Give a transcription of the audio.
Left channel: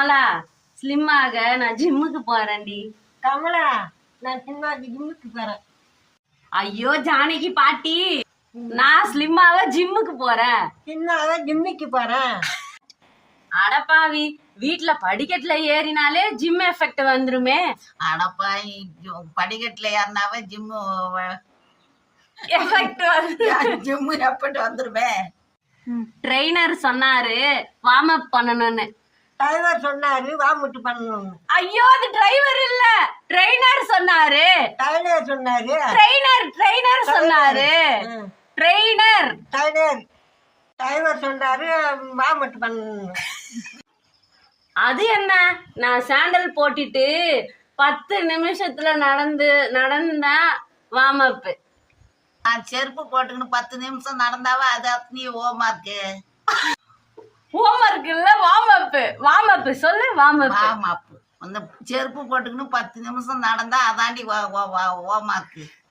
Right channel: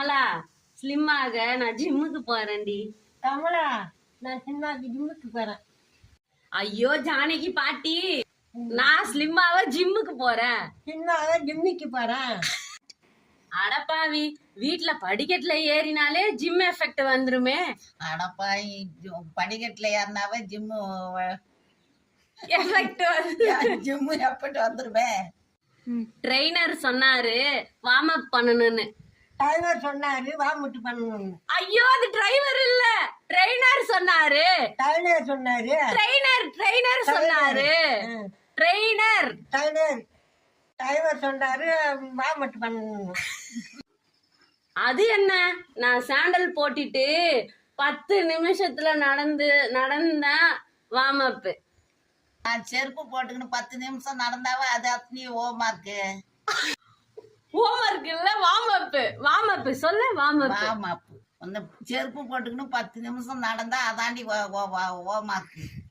Kamala slim ஆக நான் ஜிம்முக்கு போறேன்டி. கமலா, நான் சினிமாக்கு ஜிம்முக்கு போறேன். ஐயோ ஜானகி பாட்டி, நான் ஸ்லிம்மாக ஜிம்முக்கு போறேன். சினிமாவை ஜிம்முக்கு போறேன். அடப்பாவி, வீட்டுல படிக்கட்டுல ஏறினாலே ஜிம் எஃபெக்ட் வந்துருமே. அடப்பா, படிக்கட்டுல ஏறினாவே ஜிம்மு எஃபெக்ட் ஜிம்மு எஃபெக்ட் வந்துருமே. ட்ரெயினர் சொன்னாரு வார்ம் அப் பண்ணணும்னு. டிரைவர் சொன்னாரு வாமிட்டு பண்ணணும்னு. ஐயோ அது டிரைவர் இல்ல, ட்ரெயினர் சொன்னாரு. டைலர் சொன்னாரு. ட்ரெயினர் சொன்னாரு. ட்ரெயினர் டிரைவர் சொன்னாரு வாமிட்டு பண்ணணும். அது என்ன, நான் சாண்டல் போட்டுட்டு 10 நிமிஷத்துல நடந்தா வார்ம் அப். நான் செருப்பு போட்டுக்கின்னு 10 நிமிஷம் நடந்தாவே அது அத்தனை ஹோம்ஒர்க்கு. ஹோம்ஒர்க் இல்ல, வார்ம் அப் சொல்லு. வார்ம் அப் அந்த செருப்பு போட்டுக்கின்னு 10 நிமிஷம் நடந்தா அதாண்டி ஹோம்ஒர்க்கு.